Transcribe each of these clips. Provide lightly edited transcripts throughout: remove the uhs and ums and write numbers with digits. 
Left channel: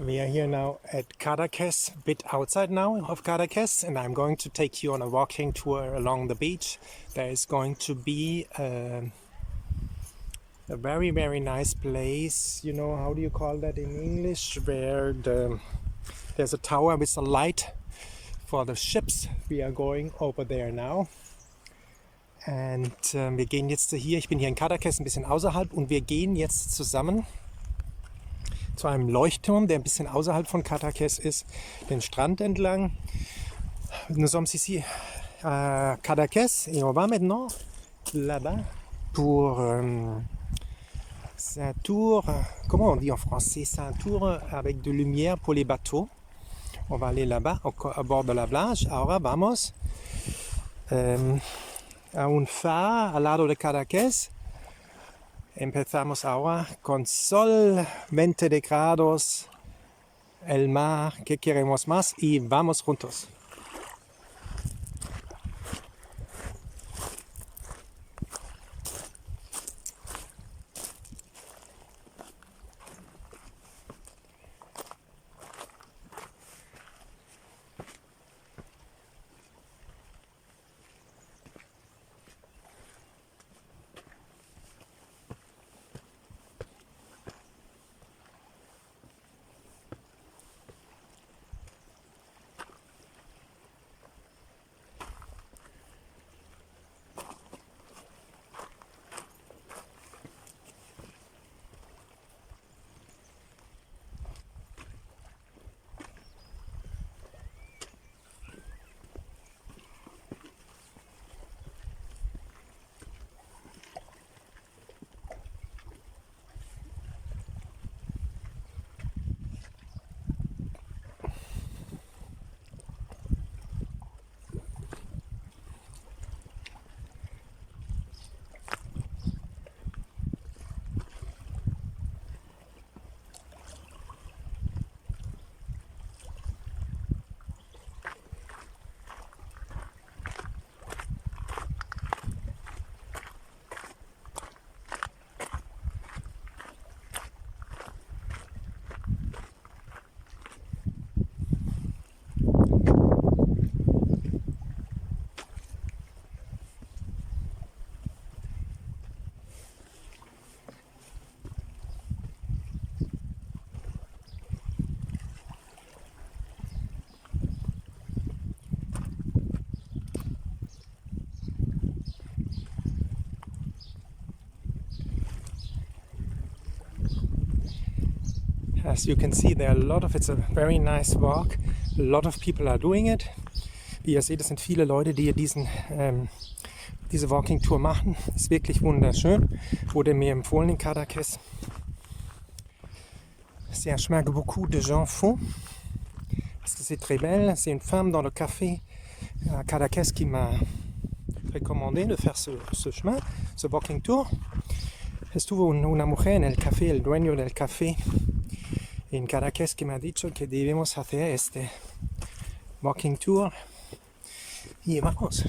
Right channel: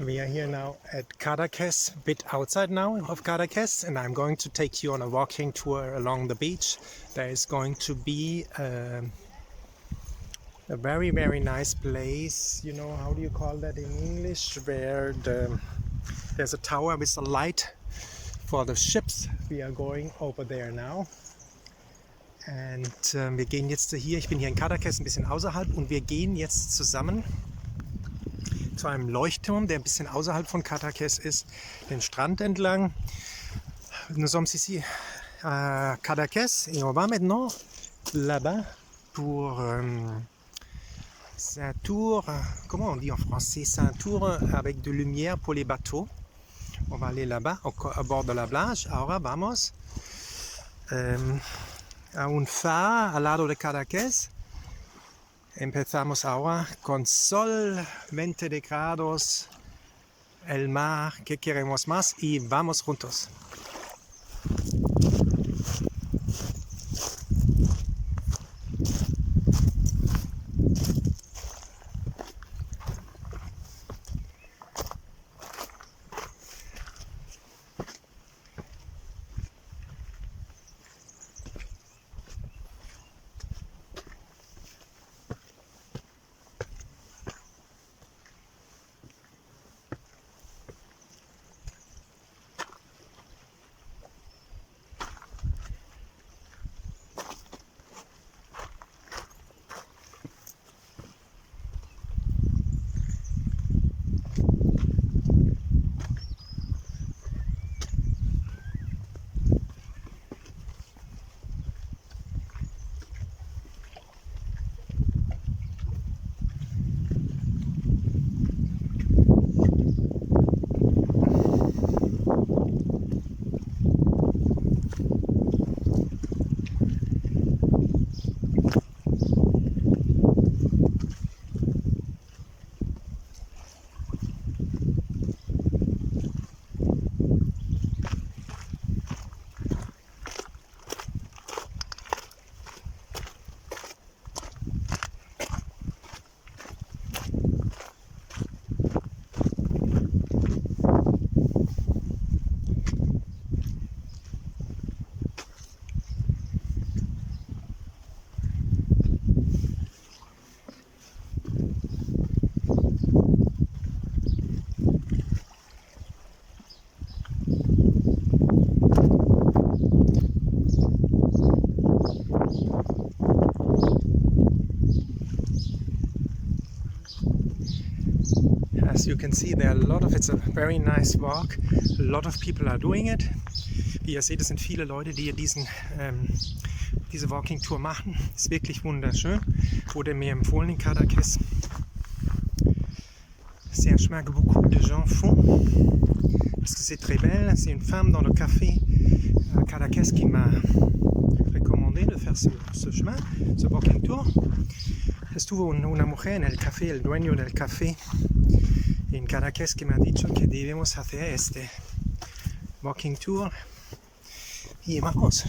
We are here now at Cadaques, a bit outside now of Cadaques, and I'm going to take you on a walking tour along the beach. There is going to be a very, very nice place, you know, how do you call that in English, where there's a tower with a light for the ships. We are going over there now. Und wir gehen jetzt hier, ich bin hier in Cadaques, ein bisschen außerhalb, und wir gehen jetzt zusammen zu einem Leuchtturm, der ein bisschen außerhalb von Cadaques ist, den Strand entlang. Nous sommes ici à Cadaques et on va maintenant là-bas pour c'est un tour, comment on dit en français, c'est un tour avec de lumière pour les bateaux. On va aller là-bas à bord de la plage. Ahora vamos a un faro al lado de Cadaques. Empezamos ahora con sol, 20 grados, el mar, ¿qué queremos más? Y vamos juntos. As you can see, there are a lot of, it's a very nice walk. A lot of people are doing it. Wie ihr seht, es sind viele Leute, die diese Walking Tour machen. Ist wirklich wunderschön. Wurde mir empfohlen in Cadaques. C'est un chemin que beaucoup de gens font parce que c'est très belle. C'est une femme dans le café à Cadaques qui m'a recommandé de faire ce chemin, ce walking tour. Estuvo una mujer en el café, el dueño del café en Cadaques, que me ha dicho que debemos hacer este walking tour y vamos.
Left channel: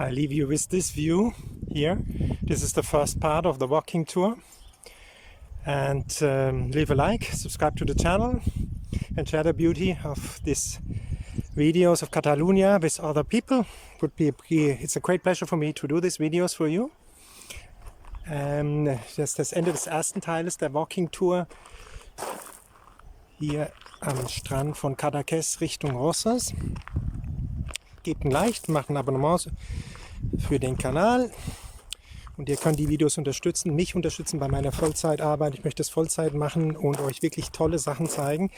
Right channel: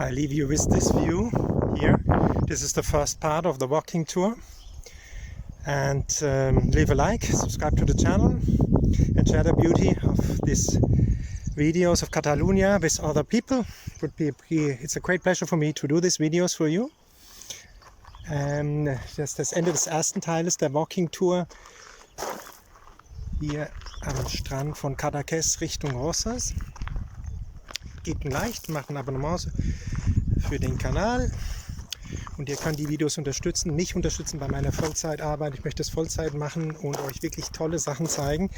I leave you with this view here. This is the first part of the walking tour. And leave a like, subscribe to the channel, and share the beauty of these videos of Catalonia with other people. It's a great pleasure for me to do these videos for you. Das Ende des ersten Teiles der Walking Tour hier am Strand von Cadaques Richtung Rosas. Gebt ein Like, macht ein Abonnement für den Kanal. Und ihr könnt die Videos unterstützen, mich unterstützen bei meiner Vollzeitarbeit. Ich möchte es Vollzeit machen und euch wirklich tolle Sachen zeigen.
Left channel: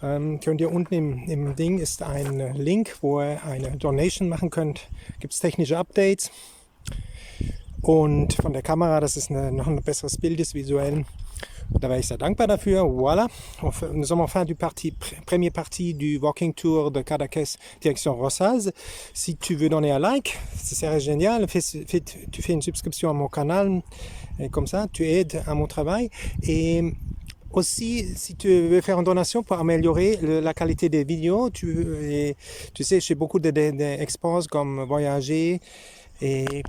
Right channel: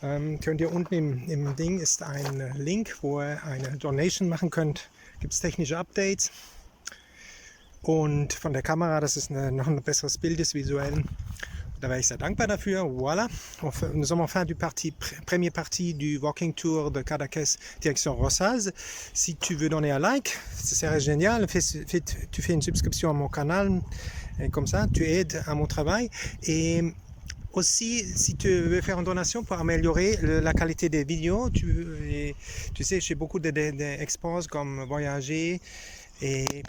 Könnt ihr unten im Ding ist ein Link, wo ihr eine Donation machen könnt. Gibt es technische Updates. Und von der Kamera, das ist noch ein besseres Bild ist visuell. Da wäre ich sehr dankbar dafür. Voilà. Nous sommes en fin du première partie du Walking Tour de Cadaques direction Rosas. Si tu veux donner un like, ce serait génial. Tu fais une subscription à mon canal. Et comme ça, tu aides à mon travail. Et aussi, si tu veux faire une donation pour améliorer la qualité des vidéos, tu sais, je fais beaucoup d'expos comme voyager et